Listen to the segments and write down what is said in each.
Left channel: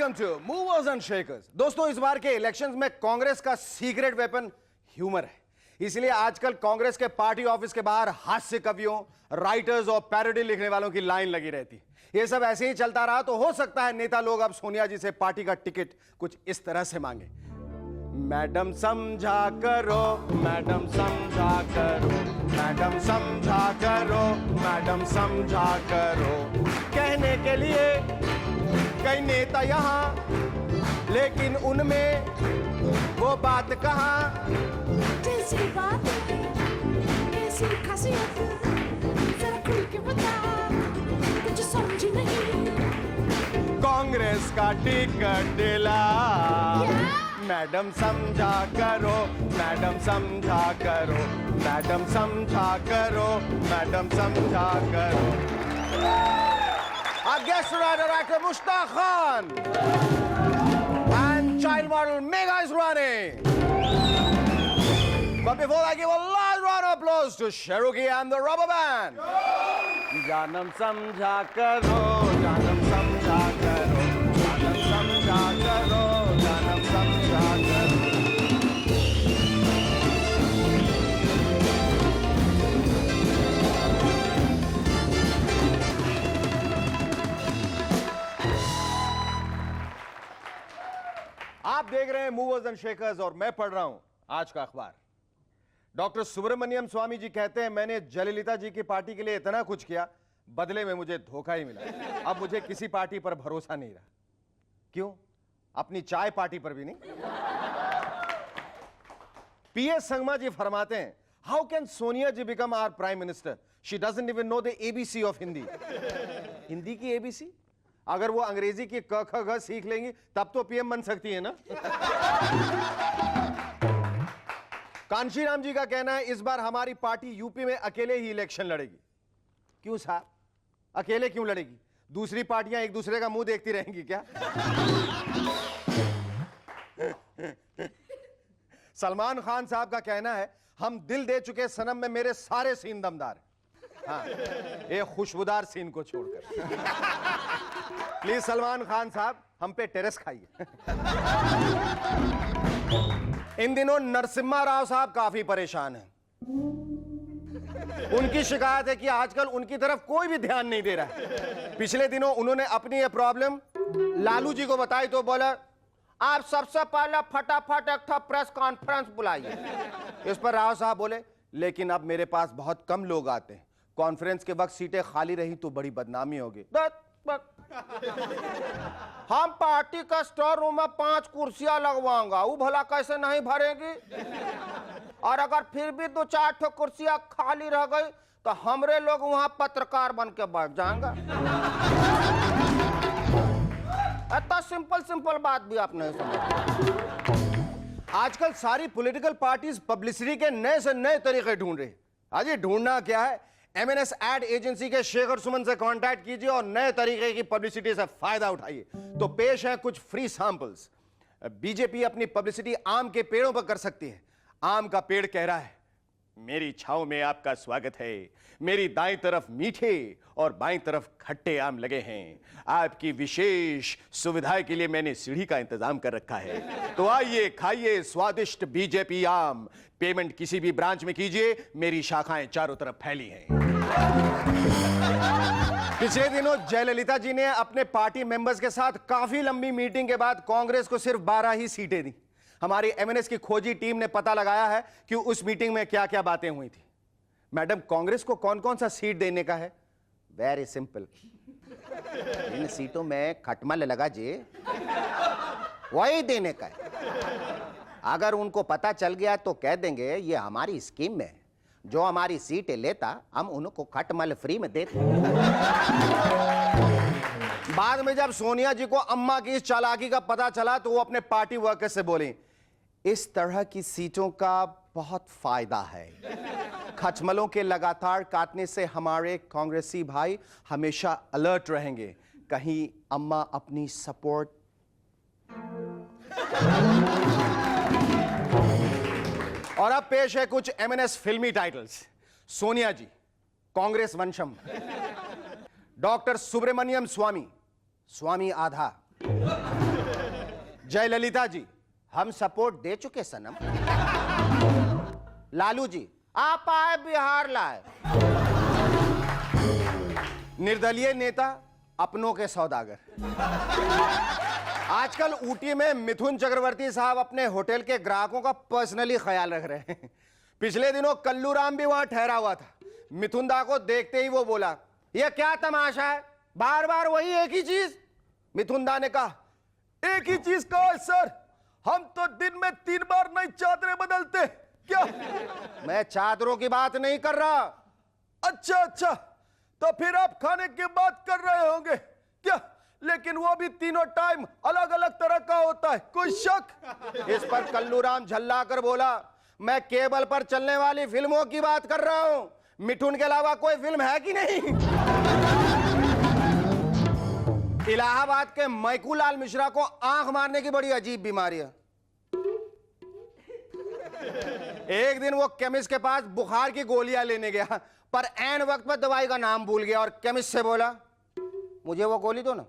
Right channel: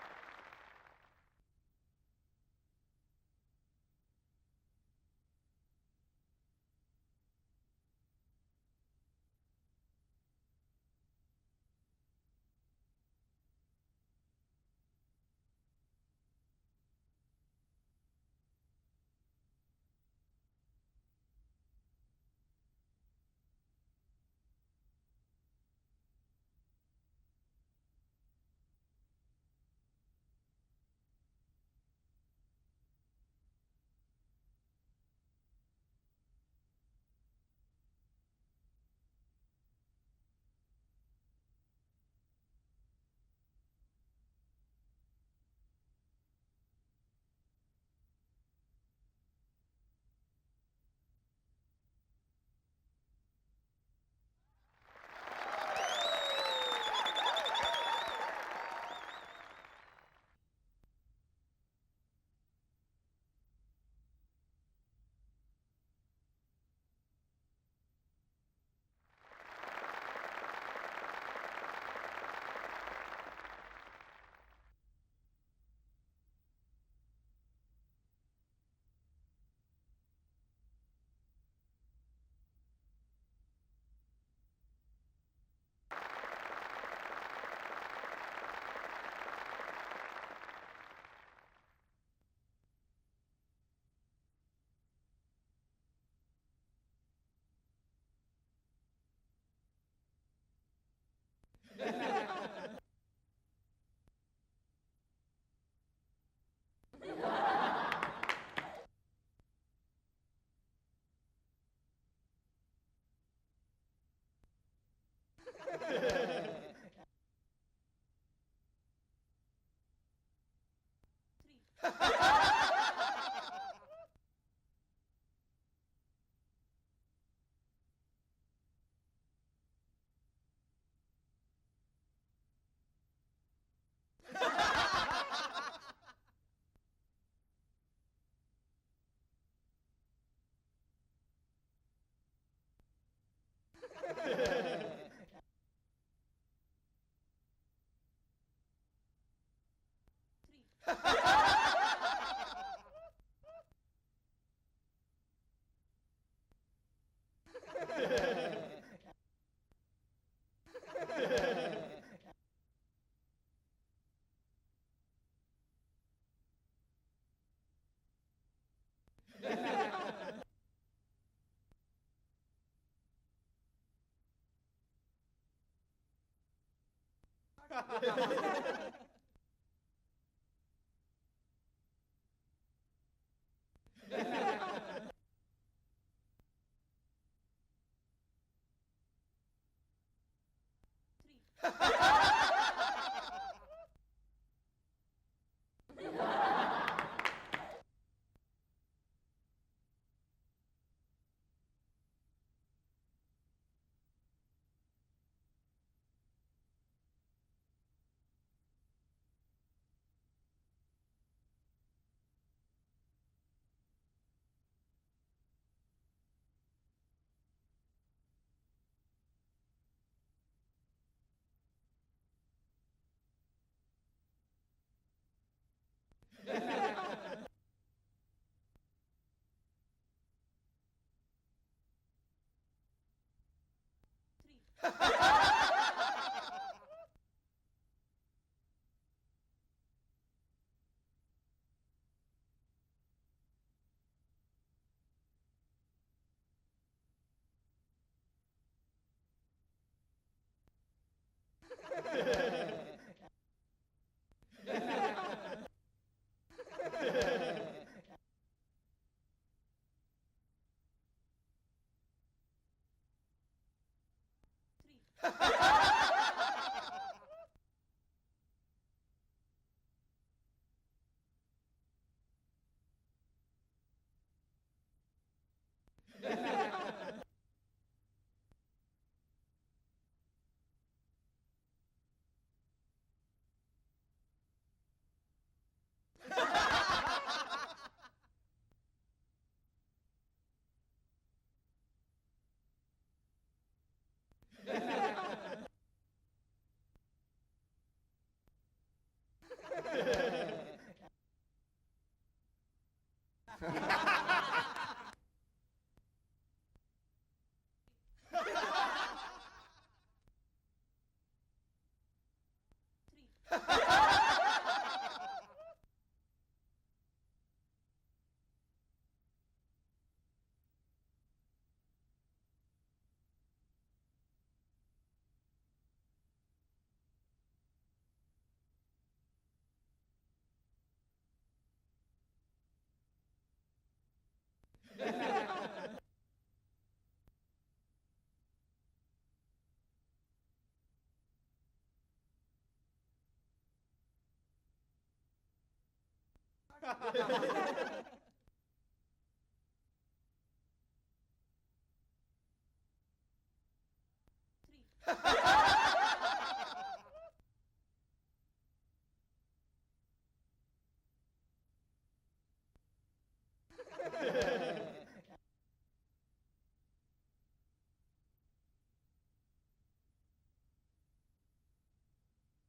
Welcome to movers and shakers. दोस्तों, इस बार के इलेक्शंस में कांग्रेस का सीक्रेट वेपन ह्यूमर है। इसलिए आजकल कांग्रेस के पार्टी ऑफिस के बाहर हास्य कवियों, राइटर्स और पैरोडी लिखने वालों की लाइन लगी रहती। ये सब ऐसे ही चलता रहा तो हो सकता है नेता लोग अब सोनिया जी से पार्टी का टिकट कुछ इस तरह से मांगे। मैडम समझा करो, मैडम समझा करो, मैडम समझा करो, मैडम समझा करो। कहने के लिए कई नेता यहां, लेकिन उनमें वो बात कहां। जैसी बात कैसी खासियत जरा खुल के बता, कुछ समझी नहीं। कांग्रेस का टिकट दिला, मैडम समझा करो, मैडम समझा करो, मैडम समझा करो, मैडम समझा करो। Our guest writer actor Mushtaq Khan and child model Megha Israni. But before I give a large round of applause to Shahrukhi and the Rubber Band. जानम समझा करो, जानम समझा करो, जानम समझा करो, जानम समझा करो। आप देख रहे हैं मूवर्स एंड शेकर्स और मैं पढ़ रहा हूं आज का अखबार। डॉक्टर सुब्रमण्यम स्वामी जी कहते हैं, मैंने जयललिता जी की पार्टी के लिए इतना कुछ किया, बदले में मुझे धोखा ही मिला। अब मुझे किसी पार्टी पर भरोसा नहीं रहा। क्यों? अपनी चाय पार्टी पर भी नहीं। पीएस संगमा जी फरमाते हैं, how can Sonia ji become our prime minister? She doesn't even know the ABC of Hindi. Hindi की एबीसी? अगर वो अंग्रेजी की क ख ग सीख लेंगी तब तो पीएम बन सकती है ना। कांशीराम जी का कहना है, इस बार हमारी पार्टी यूपी में अकेले ही इलेक्शन लड़ेगी। क्यों साहब, अकेले क्यों लड़ेगी? दूसरी पार्टियां एक दूसरे का मुंह देखती रहेंगी क्या? सलमान खान साहब का कहना है, हम दिल दे चुके सनम में मेरे सारे सीन दमदार हैं। हाँ, एक खुशबूदार सीन को छोड़कर। प्लीज सलमान खान साहब, हम पे टेरेस खाइए। इन दिनों नरसिम्हा राव साहब काफी परेशान हैं। उनकी शिकायत है कि आजकल उनकी तरफ कोई भी ध्यान नहीं दे रहा है। पिछले दिनों उन्होंने अपनी ये प्रॉब्लम लालू जी को बताई तो बोला, आप सबसे पहले फटाफट एक प्रेस कॉन्फ्रेंस बुलाइए। इस पर राव साहब बोले, लेकिन अब मेरे पास बहुत कम लोग आते हैं, कॉन्फ्रेंस के वक्त सीटें खाली रही तो बड़ी बदनामी होगी। हम पार्टी का स्टोर रूम में 5 कुर्सियां लगवाऊंगा, वो भला कैसे नहीं भरेगी? और अगर फिर भी 2-4 कुर्सियां खाली रह गई तो हमरे लोग वहां पत्रकार बन के बैठ जाएंगे। इतना सिंपल बात भी आपने। आजकल सारी पॉलिटिकल पार्टीज पब्लिसिटी के नए से नए तरीके ढूंढ रही। आज ये ढूंढना क्या है? एमएनएस एड एजेंसी के शेखर सुमन से कांटेक्ट कीजिए और नए तरीके की पब्लिसिटी से फायदा उठाइए। तो पेश है कुछ फ्री सैंपल्स। बीजेपी अपनी पब्लिसिटी आम के पेड़ों पर कर सकती है। आम का पेड़ कह रहा है, मेरी छांव में आपका स्वागत है, मेरी दाईं तरफ मीठे और बाईं तरफ खट्टे आम लगे हैं, आपकी विशेष सुविधा के लिए मैंने सीढ़ी का इंतजाम कर रखा है, तो आइए खाइए स्वादिष्ट बीजेपी आम। पेमेंट किसी भी ब्रांच में कीजिए, मेरी शाखाएं चारों तरफ फैली हैं। पिछले दिनों जयललिता जी ने अपने पार्टी मेंबर्स के साथ काफी लंबी मीटिंग के बाद कांग्रेस को सिर्फ 12 ही सीटें दी। हमारी एमएनएस की खोजी टीम ने पता लगाया है कि उस मीटिंग में क्या क्या बातें हुई थी। मैडम, कांग्रेस को कौन कौन सा सीट देने का है? वेरी सिंपल, इन सीटों में खटमल लगा जे, वही देने का है। अगर उनको पता चल गया तो कह देंगे ये हमारी स्कीम में, जो हमारी सीटें लेता हम उनको खटमल फ्री में देते। बाद में जब सोनिया जी को अम्मा की इस चालाकी का पता चला तो वो अपने पार्टी वर्कर्स से बोली, इस तरह की सीटों का बहुत फायदा है। खटमलों के लगातार काटने से हमारे कांग्रेसी भाई हमेशा अलर्ट रहेंगे, कहीं अम्मा अपनी सपोर्ट। और अब पेश है कुछ एमएनएस फिल्मी टाइटल्स। सोनिया जी, कांग्रेस वंशम। डॉक्टर सुब्रमण्यम स्वामी, स्वामी आधा। जयललिता जी, हम सपोर्ट दे चुके सनम। लालू जी, आप आए बिहार लाए। निर्दलीय नेता, अपनों के सौदागर। आजकल ऊटी में मिथुन चक्रवर्ती साहब अपने होटल के ग्राहकों का पर्सनली ख्याल रख रहे हैं। पिछले दिनों कल्लू राम भी वहां ठहरा हुआ था। मिथुन दा को देखते ही वो बोला, यह क्या तमाशा है, बार बार वही एक ही चीज। मिथुन दा ने कहा, एक ही चीज कहो सर, हम तो दिन में 3 बार नई चादरें बदलते। क्या? मैं चादरों की बात नहीं कर रहा। अच्छा, तो फिर आप खाने की बात कर रहे होंगे क्या? लेकिन वो भी तीनों टाइम अलग अलग तरह का होता है, कोई शक? इस पर कल्लू राम झल्ला कर बोला, मैं केबल पर चलने वाली फिल्मों की बात कर रहा हूं, मिठुन के अलावा कोई फिल्म है कि नहीं? इलाहाबाद के मैकूलाल मिश्रा को आंख मारने की बड़ी अजीब बीमारी है। एक दिन वो केमिस्ट के पास बुखार की गोलियां लेने गया, पर ऐन वक्त पर दवाई का नाम भूल गया और केमिस्ट से बोला, मुझे वो गोली दो ना।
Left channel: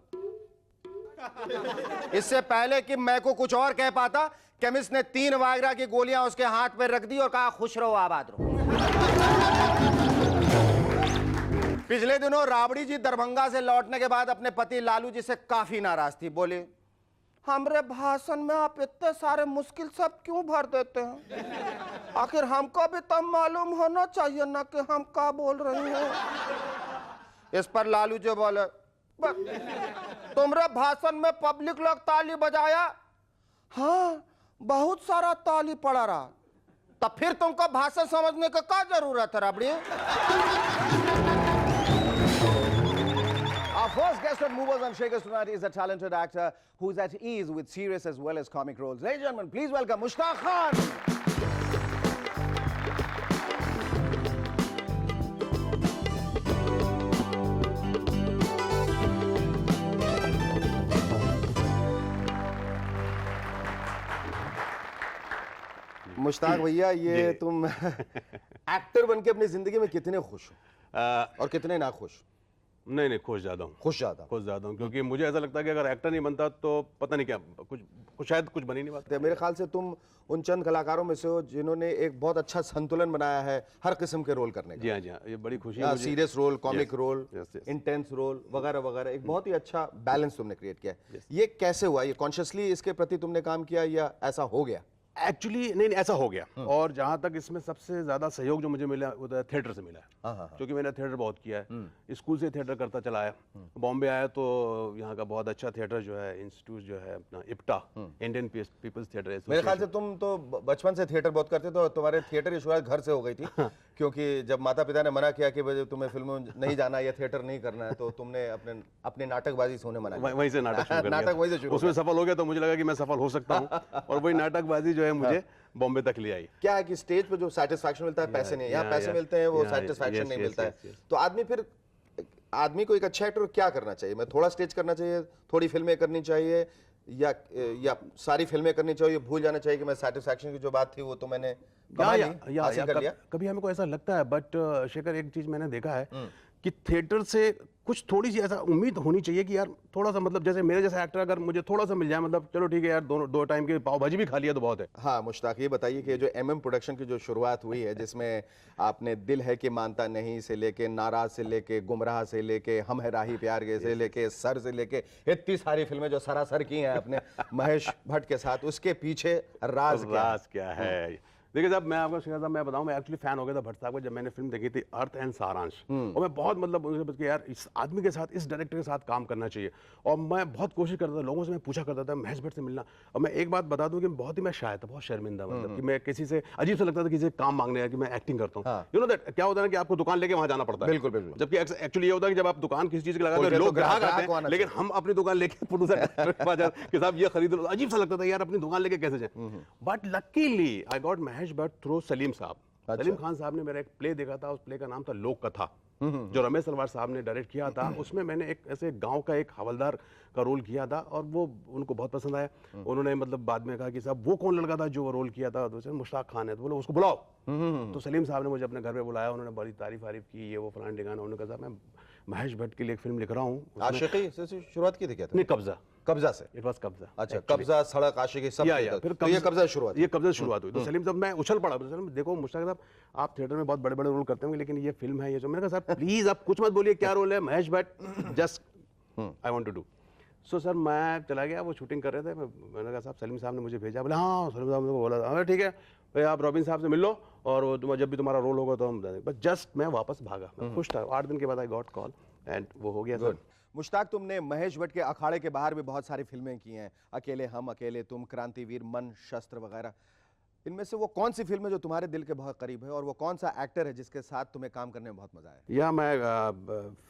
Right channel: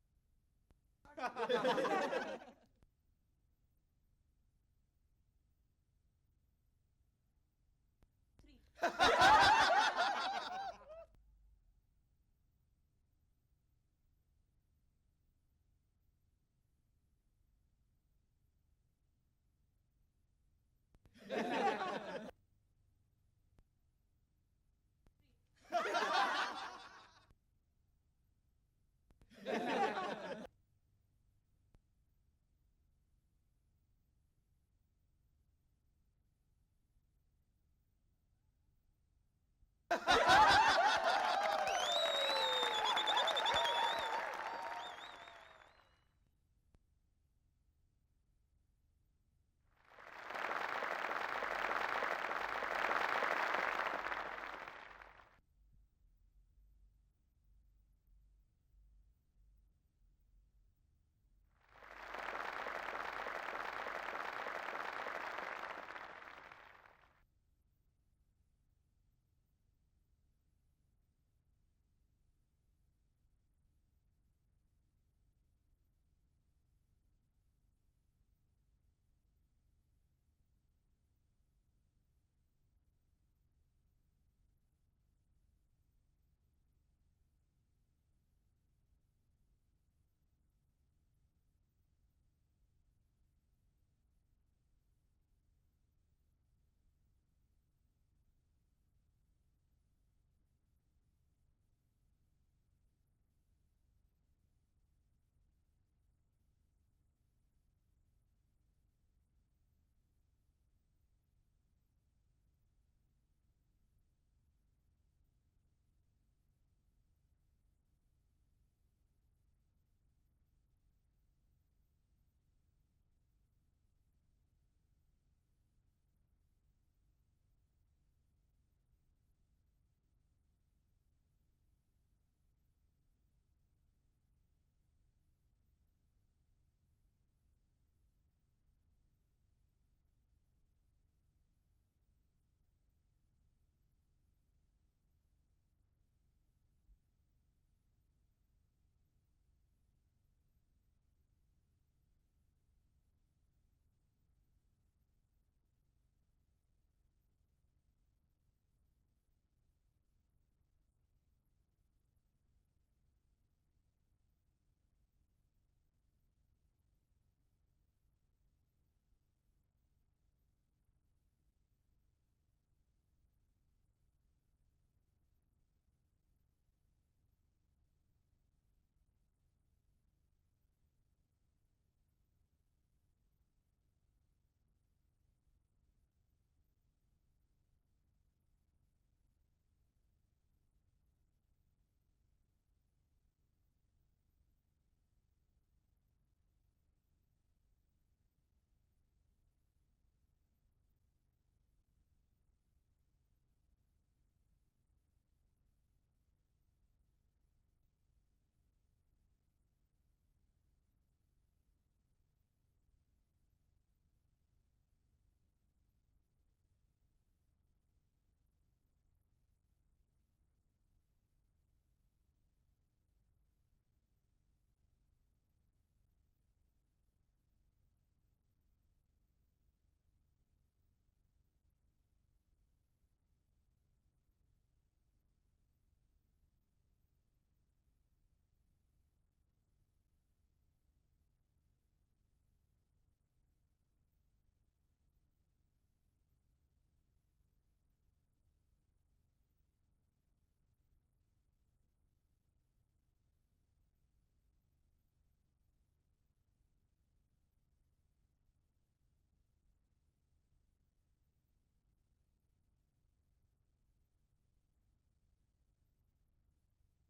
इससे पहले कि मैं को कुछ और कह पाता, केमिस्ट ने 3 वायग्रा की गोलियां उसके हाथ पर रख दी और कहा, खुश रहो, आबाद रहो। पिछले दिनों राबड़ी जी दरभंगा से लौटने के बाद अपने पति लालू जी से काफी नाराज थी। बोले, हमरे भाषण में आप इतने सारे मुश्किल शब्द क्यों भर देते हैं? आखिर हमको भी तब मालूम होना चाहिए ना कि हम क्या बोल रहे हैं। इस पर लालू जी बोले, तुमरे भाषण में पब्लिक लोग ताली बजाया, हाँ बहुत सारा ताली पड़ा रहा, तब फिर तुमको भाषण समझने का क्या जरूरत है Rabri? Our first guest of Movers and Shakers tonight is a talented actor who's at ease with serious as well as comic roles. Ladies and gentlemen, please welcome Mushtaq Khan. Mushtaq भैया, ये तुम एक्टर बनके अपनी जिंदगी में कितने खुश हो और कितने ना खुश? नहीं खुश ज़्यादा हूँ। खुश ज़्यादा हूँ क्योंकि मुझे ऐसा लगता है कि अगर एक्टर नहीं बनता तो पता नहीं क्या कुछ शायद कुछ बन ही नहीं पाता। मेरे ख्याल से तुम उन चंद कलाकारों में से हो जिन्होंने एक बहुत अच्छा संतुलन बनाया है हर किस्म के रोल करने का। जी हाँ, ये बड़ी खुशी है। Serious role, comic role, intense role वगैरह वगैरह, एक बहुत ही अच्छा बैलेंस तुमने क्रिएट किया है। ये कैसे हुआ? ये कॉन्शियसली इसके प्रति तुमने काम किया या ऐसा हो गया? एक्चुअली नहीं ऐसा हो गया। और जहाँ तक इसमें सबसे ज्यादा सहयोग जो मुझे मिला वो थिएटर से मिला है, क्योंकि मैंने थिएटर बहुत किया है, स्कूल से थिएटर करता चला आया। बॉम्बे आया तो यहाँ का बहुत अच्छा थिएटर जो है, इंस्टीट्यूट जो है अपना IPTA, Indian people's theatre association. मेरे ख्याल से तुम तो बचपन से थिएटर बहुत करते थे और तुम्हारे थिएटर की शुरुआत घर से हो गई थी, क्योंकि जब माता पिता ने मना किया कि तुम्हें फिल्मों नहीं जाना या थिएटर नहीं करना है, तो तुमने अपने नाटकबाजी से उन्हें मना किया। वहीं से नाटक शुरू कर दिया। नाटक वहीं से शुरू, उसमें सफल हो गया तो मुझे लगा कि मैं सफल हो सकता हूँ, और वही नाटकबाजी जो है मुझे बॉम्बे तक ले आई। क्या है कि स्टेज पे जो सेटिस्फैक्शन मिलता है, पैसे नहीं, यहाँ पैसे मिलते हैं, वो सेटिस्फैक्शन नहीं मिलता है। तो आदमी को एक अच्छा एक्टर क्या करना चाहिए? मैं थोड़ा स्टेज करना चाहिए, थोड़ी फिल्में करनी चाहिए, या सारी फिल्में करनी चाहिए, भूल जाना चाहिए कि मैं सेटिस्फैक्शन की जो बात थी वो तो मैंने हासिल कर लिया? कभी हमको ऐसा लगता है, बट शेखर एक चीज मैंने देखा है कि थिएटर से कुछ थोड़ी सी ऐसा उम्मीद होनी चाहिए कि यार थोड़ा सा, मतलब जैसे मेरे जैसा एक्टर अगर मुझे थोड़ा सा मिल जाए, मतलब चलो ठीक है यार, दो टाइम की पाव भाजी भी खा लिया तो बहुत है। हाँ मुश्ताक, ये बताइए कि जो एमएम प्रोडक्शन की जो शुरुआत हुई है, जिसमें आपने दिल है कि मानता नहीं से लेके, नाराज से लेके, गुमराह से लेके, हम है राही प्यार के से लेके, सर से लेके, इतनी सारी फिल्में जो सरासर की हैं अपने महेश भट्ट के साथ, उसके पीछे राज क्या है? देखिए साहब, मैं आपको शिखर साहब मैं बताऊं, मैं एक्चुअली फैन हो गया था भट्ट साहब का जब मैंने फिल्म देखी थी अर्थ एंड सारांश, और मैं बहुत मतलब उनसे बस कि यार इस आदमी के साथ, इस डायरेक्टर के साथ काम करना चाहिए। और मैं बहुत कोशिश करता था, लोगों से मैं पूछा करता था महेश भट्ट से मिलना। और मैं एक बात बता दूं कि बहुत ही मैं शायद था, बहुत शर्मिंदा, मतलब कि मैं किसी से अजीब सा लगता था किसी से काम मांगने आया कि मैं एक्टिंग करता हूँ। यू नो दैट, क्या होता है ना कि आपको दुकान लेके वहां जाना पड़ता है। बिल्कुल। जबकि एक्चुअली ये होता है कि जब आप दुकान किसी चीज की लगाते हैं, लोग ग्राहक आते हैं, लेकिन हम अपनी दुकान लेके प्रोड्यूसर कि साहब ये खरीद लो, अजीब सा लगता था यार, अपनी दुकान लेके कैसे जाए। But luckily I got Mahesh Bhatt through Salim साहब। सलीम खान साहब ने मेरा एक प्ले देखा था, उस प्ले का नाम था लोक कथा, जो रमेश तलवार साहब ने डायरेक्ट किया था। उसमें मैंने एक ऐसे गांव का एक हवलदार का रोल किया था, और वो उनको बहुत पसंद आया। उन्होंने मतलब बाद में कहा कि साहब वो कौन लड़का था जो वो रोल किया था? तो मुश्ताक खान है, तो बोले उसको बुलाओ। तो सलीम साहब ने मुझे अपने घर पे बुलाया, उन्होंने बड़ी तारीफ की, ये वो फलान ठिकाना। उन्होंने कहा मैं महेश भट्ट के लिए एक फिल्म लिख रहा हूँ। आशिकी से शुरुआत की थी क्या? नहीं, कब्जा। कब्जा से? इट वाज कब्जा। अच्छा, कब्जा, सड़क, आशिकी सब या तो फिर ये कब्जा शुरुआत। ये कब्जा शुरुआत हुई। तो सलीम साहब मैं उछल पड़ा, सलीम देखो मुश्ताक साहब आप थिएटर में बहुत बड़े बड़े रोल करते होंगे लेकिन ये फिल्म है, ये जो, मैंने कहा सर प्लीज आप कुछ मत बोलिए क्या रोल है, Mahesh Bhatt just I want to do. So sir मैं चला गया, वो शूटिंग कर रहे थे, मैंने कहा साहब सलीम साहब ने मुझे भेजा, बोले हाँ सलीम साहब ने बोला हाँ ठीक है भाई आप रॉबिन साहब से मिल लो और वो जब भी तुम्हारा रोल होगा तो हम बस जस्ट मैं वापस भागा, मैं खुश था। 8 दिन के बाद आई गॉट कॉल एंड वो हो गया सर। मुश्ताक, तुमने महेश भट्ट के अखाड़े के बाहर भी बहुत सारी फिल्में की हैं, अकेले हम, अकेले तुम, क्रांतिवीर, मन, शस्त्र वगैरह। इनमें से वो कौन सी फिल्म है जो तुम्हारे दिल के बहुत करीब है और वो कौन सा एक्टर है जिसके साथ तुम्हें काम करने में बहुत मजा आया? या मैं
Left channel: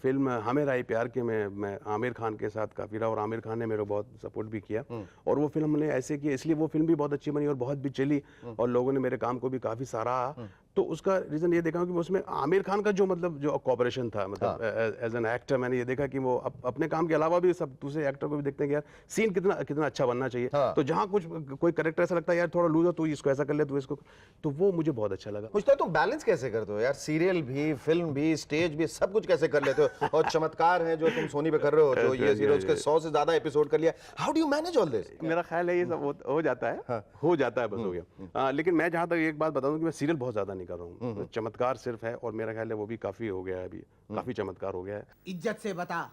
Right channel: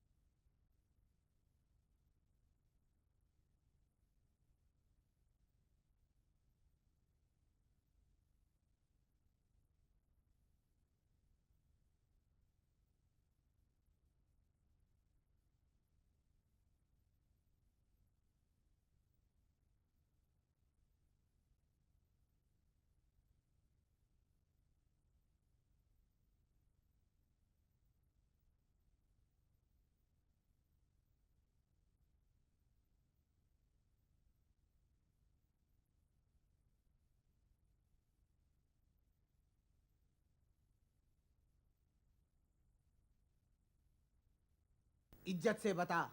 फिल्म हमें राई प्यार के में मैं आमिर खान के साथ काफ़ी रहा और आमिर खान ने मेरे को बहुत सपोर्ट भी किया और वो फिल्म हमने ऐसे की इसलिए वो फिल्म भी बहुत अच्छी बनी और बहुत भी चली और लोगों ने मेरे काम को भी काफ़ी सराहा। तो उसका रीज़न ये देखा कि उसमें आमिर खान का जो मतलब जो कॉपरेशन था, मतलब एज एन एक्टर मैंने ये देखा कि वो अपने काम के अलावा भी सब दूसरे एक्टर को भी देखते हैं कि यार सीन कितना कितना अच्छा बनना चाहिए। तो जहाँ कुछ कोई कैरेक्टर ऐसा लगता है यार थोड़ा लूज हो, तू इसको ऐसा कर ले, तू इसको, तो वो मुझे बहुत अच्छा लगा। मुझे तो तुम बैलेंस कैसे करते हो यार, सीरियल भी, फिल्म भी, स्टेज भी, सब कुछ कैसे कर लेते हो? और चमत्कार है जो तुम सोनी पे कर रहे हो, जो ये सीरीज के 100 से ज्यादा एपिसोड कर लिया। How do you manage all this? मेरा ख्याल है ये सब हो जाता है, हो जाता है, बस हो गया। लेकिन मैं जहाँ तक एक बात बता दूं कि मैं सीरियल बहुत ज्यादा नहीं कर रहा हूँ, चमत्कार सिर्फ है और मेरा ख्याल है वो भी काफी हो गया है, अभी काफी चमत्कार हो गया है। इज्जत से बता,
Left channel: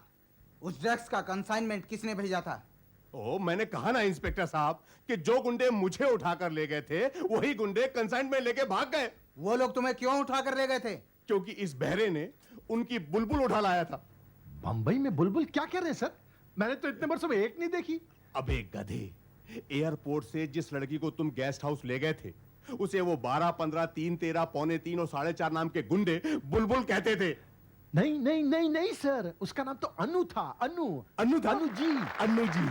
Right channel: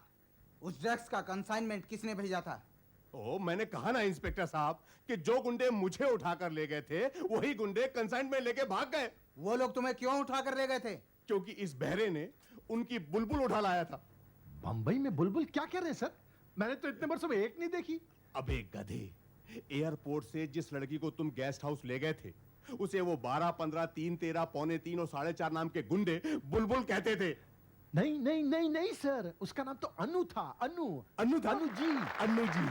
उस ड्रग्स का कंसाइनमेंट किसने भेजा था? ओ मैंने कहा ना इंस्पेक्टर साहब कि जो गुंडे मुझे उठाकर ले गए थे वही गुंडे कंसाइनमेंट लेके भाग गए। वो लोग तुम्हें क्यों उठाकर ले गए थे? क्योंकि इस बहरे ने उनकी बुलबुल उठा लाया था। बंबई में बुलबुल क्या कह रहे हैं सर? मैंने तो इतने वर्षों में एक नहीं देखी। अबे गधे, एयरपोर्ट से जिस लड़की को तुम गेस्ट हाउस ले गए थे उसे वो 12, 15, 3, 13, पौने 3 और 4.5 नाम के गुंडे बुलबुल कहते थे। नहीं नहीं नहीं नहीं सर, उसका नाम तो अनु था। अनु था? अनु जी। अन्नू जी।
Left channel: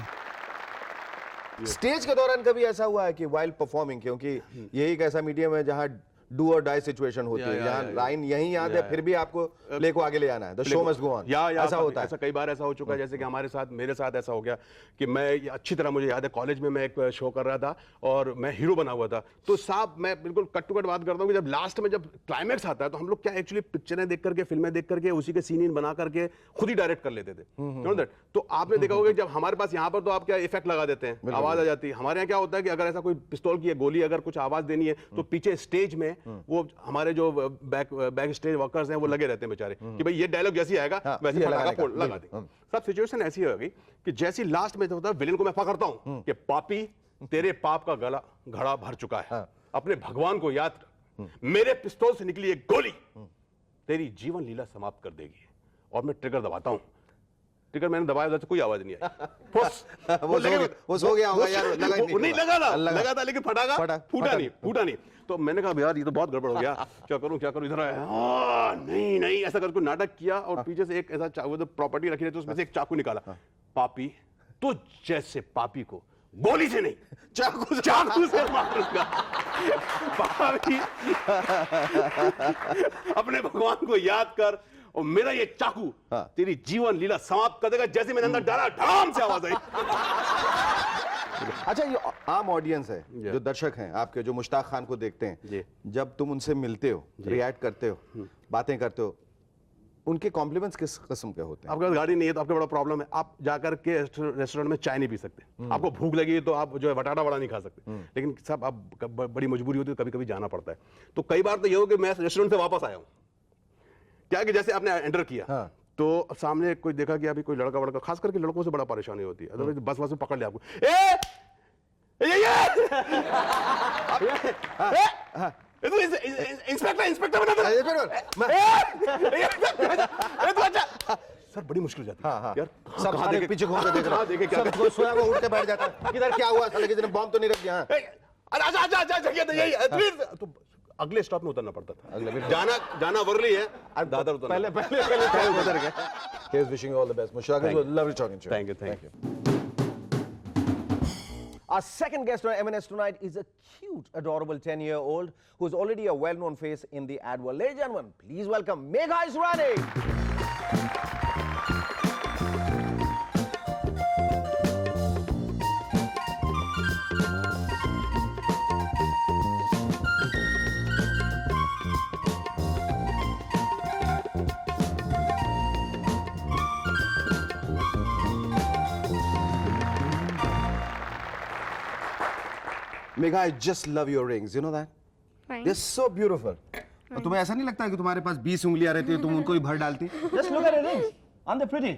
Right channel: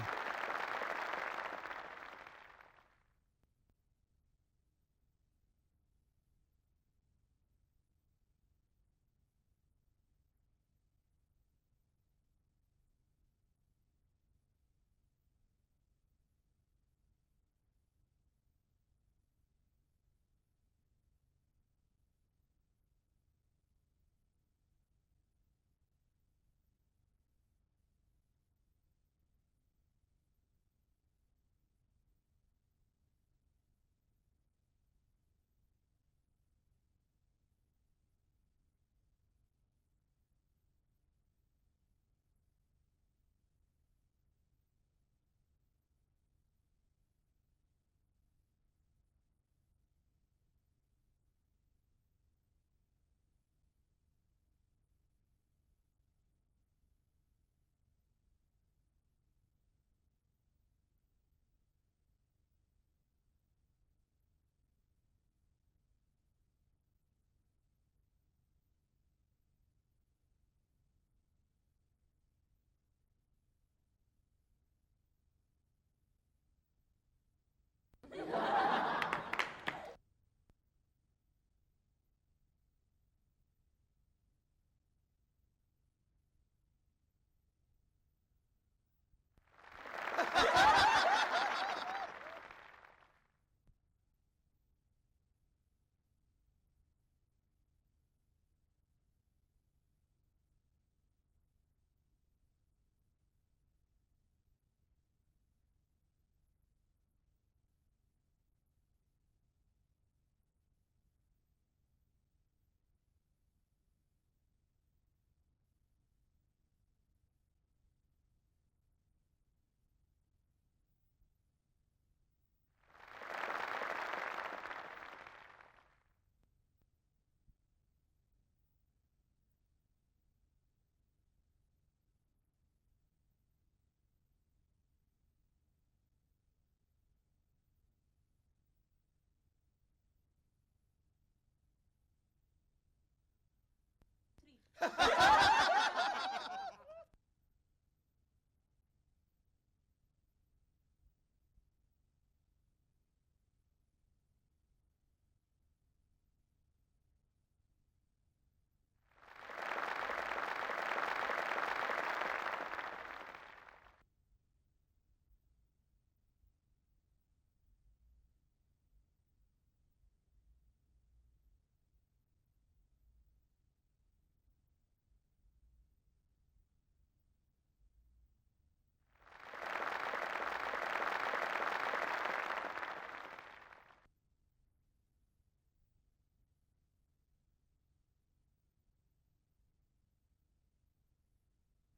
स्टेज के दौरान कभी ऐसा हुआ है कि वाइल परफॉर्मिंग, क्योंकि यही एक ऐसा मीडियम है जहां डू और डाई सिचुएशन होती है, जहां लाइन यहीं याद है फिर भी आपको प्ले को आगे ले जाना है, the show must go on, ऐसा होता है? ऐसा कई बार ऐसा हो चुका है, जैसे कि हमारे साथ, मेरे साथ ऐसा हो गया कि मैं अच्छी तरह मुझे याद है कॉलेज में मैं एक शो कर रहा था और मैं हीरो बना हुआ था। तो साहब मैं बिल्कुल कट टू कट बात करता हूँ कि जब लास्ट में जब क्लाइमैक्स आता है तो हम लोग क्या एक्चुअली पिक्चरें देख करके, फिल्में देख करके उसी के सीन बना करके खुद ही डायरेक्ट कर लेते थे। तो आपने देखा होगा जब हमारे पास यहाँ पर तो आप क्या इफेक्ट लगा देते हैं, आवाज आ जाती है। हमारे यहाँ क्या होता है कि अगर ऐसा कोई पिस्तौल की गोली अगर कुछ आवाज देनी है तो पीछे स्टेज में वो हमारे जो बैक स्टेज वर्कर्स हैं वो लगे रहते हैं बेचारे कि भाई ये डायलॉग जैसी आएगा वैसे लगा दे। सब सिचुएशन ऐसी होगी कि जैसी लास्ट में होता है विलेन को मैं पकड़ता हूं कि पापी तेरे पाप का गला घड़ा भर चुका है, अपने भगवान को याद कर, मेरे पिस्तौल से निकली एक गोली तेरी जीवन लीला समाप्त कर देगी। और मैं ट्रिगर दबाता हूं, ट्रिगर मैंने दबाया उधर से कोई आवाज नहीं आई। वो सो गया होगा यार, नहीं लगा था लेकिन फूटा नहीं। तो मैंने कहा यार ये तो बहुत गड़बड़ हो गया, क्या करूं इधर आया, नहीं ऐसा करके नाटक किया और पीछे से एक ऐसा तो प्रॉपर्टी रखी रहती उसमें से एक चाकू निकाला। पापी तो जैसे पापी को गोली से नहीं चाकू से मारूंगा। पापी अपने भगवान को याद कर और मेरा ये चाकू तेरी जीवन लीला समाप्त कर देगा। जैसे मैंने अंदर डाला ढाम से आवाज आई। अच्छा, ये आम ऑडियंस है, जो दर्शक हैं आपके, जो मुश्ताक खान को देखते हैं, जब तुम उनसे मिलते हो, रिएक्ट करते हो, बातें करते हो, उनके कॉम्प्लीमेंट्स किस किस्म के होते हैं? आपके पास गाड़ी नहीं है तो आपका बड़ा प्रॉब्लम है, आप जाकर के रेस्टोरेंट में चाय नहीं पी सकते, आपको भूख लगी तो आप जो है वटाड़ा वड़ा नहीं खा सकते, लेकिन सब आप बड़ी मजबूरी होती है, कभी कभी जाना पड़ता है। तो कई बार तो ये हो कि मैं रेस्टोरेंट से वापस आया हूँ, क्या कि जैसे आपने एंटर किया तो सामने कोई देखा कि अभी कोई लड़का वड़का, खास करके लड़कों से बड़ा परेशानी होती है, अदरवाइज बस में पकड़ ले आपको, इंस्पेक्टर सर बड़ी मुश्किल जाती है यार। सब सारे पीछे घूम के देख रहा है, सब कोई सोया हुआ उठ के बैठ जाता है, किधर क्या हुआ, साले किसी ने बॉम्ब तो नहीं रख दिया? तो अगले स्टॉप में उतरना पड़ता था, जाना वर्ली है, दादर उतरना। पहले he is wishing you all the best. Mushtaq, it was lovely talking to you. Thank you. Our second guest on M&S tonight is a cute, adorable 10-year-old who is already a well-known face in the ad world. Ladies and gentlemen, please welcome Megha Israni. Megha, I just love your rings. You know that? They're Thanks. so beautiful. और तुम्हें ऐसा नहीं लगता कि तुम्हारे पास 20 उंगलियां रहती है तुम उनको ही भर डालती? Just look at your rings. Aren't they pretty?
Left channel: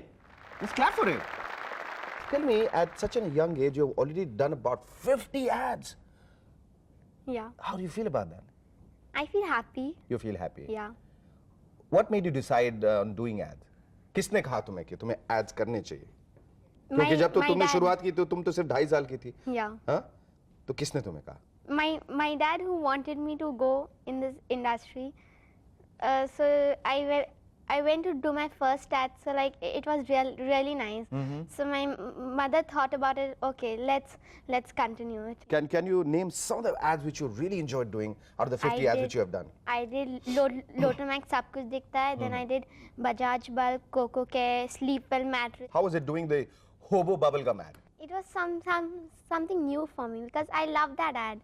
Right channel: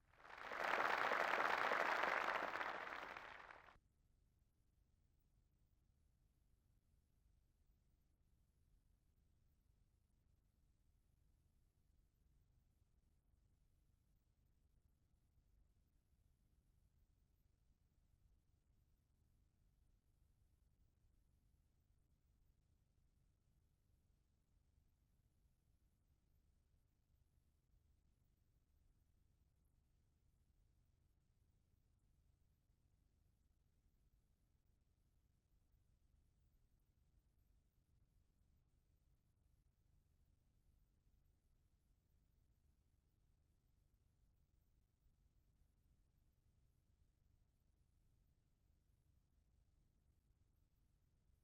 Just clap for it. Tell me, at such a young age, you've already done about 50 ads. Yeah. How do you feel about that? I feel happy. You feel happy. Yeah. What made you decide on doing ads? किसने कहा तुम्हें कि तुम्हें ads करने चाहिए? क्योंकि जब तो my तुमने dad- शुरुआत की तो तुम तो सिर्फ 2.5 साल की थी. Yeah. हाँ? तो किसने तुम्हें कहा? My dad who wanted me to go in this industry. So I went to do my first ad. So like it was really nice. So my mother thought about it. Okay, let's continue it. Can you name some of the ads which you really enjoyed doing out of the 50 ads which you have done? I did Lotomax सब कुछ दिखता है. Then I did Bajaj Bulb, Coco Care, Sleepwell mattress. How was it doing the hobo bubblegum ad? It was something new for me because I love that ad.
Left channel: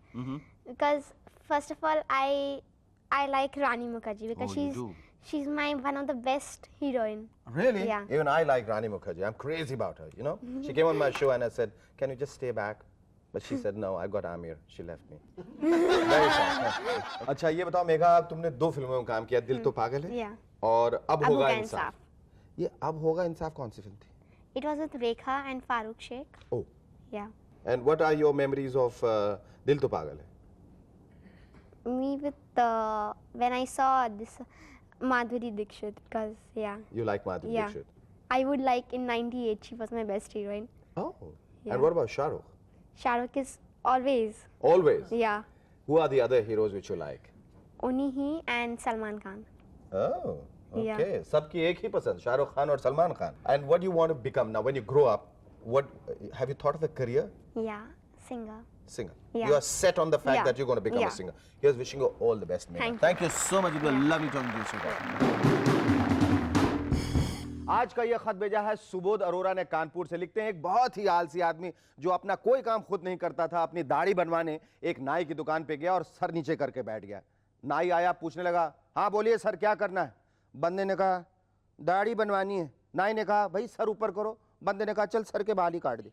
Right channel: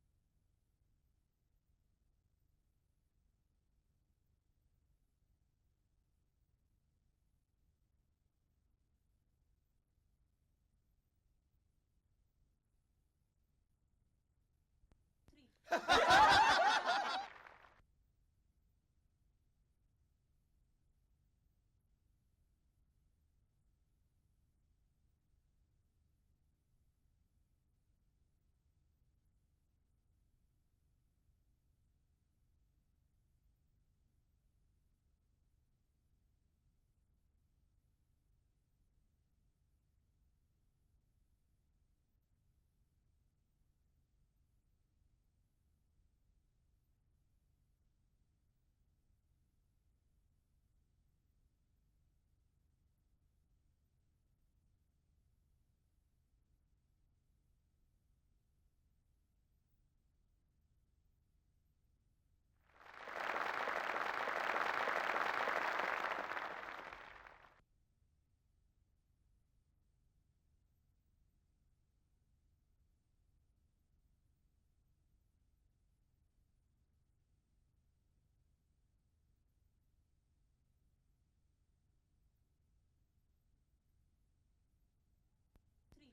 Because first of all, I like Rani Mukherjee because Oh, you do? she's one of the best heroine. Really? Yeah. Even I like Rani Mukherjee. I'm crazy about her, you know? She came on my show and I said, can you just stay back? But she said, no, I got Amir. She left me. अच्छा ये बताओ मेघा तुमने 2 फिल्मों में काम किया दिल तो पागल है Yeah. और अब अब होगा होगा इंसाफ इंसाफ. ये अब होगा इंसाफ कौन सी फिल्म थी It was with Rekha and Farooq Sheikh. Oh. Yeah. And what are your memories of दिल तो पागल है Me with when I saw this Madhuri Dixit because yeah. You like Madhuri Yeah. Dixit I would like in 98 she was my best heroine. Oh. Yeah. And what about Shah Rukh? Shah Rukh is always. Always. Yeah. Who are the other heroes which you like? Only he and Salman Khan. Oh. Yeah. Okay. सबकी एक ही पसंद शाहरुख खान और Salman Khan. And what do you want to become now when you grow up? What have you thought of a career? Yeah. Singer. Singer. Yeah. You are set on the fact Yeah. that you're going to become Yeah. a singer. Here's wishing you all the best, Megha. Thank you. you so much. It was lovely talking to you. आज का ये खत भेजा है सुबोध अरोरा ने कानपुर से. लिखते हैं एक बहुत ही आलसी आदमी जो अपना कोई काम खुद नहीं करता था अपनी दाढ़ी बनवाने एक नाई की दुकान पे गया और सर नीचे करके बैठ गया. नाई आया पूछने लगा हाँ बोलिए सर क्या करना है. बंदे ने कहा दाढ़ी बनवानी है. नाई ने कहा भाई सर ऊपर करो. बंदे ने कहा चल सर के बाल ही काट दे.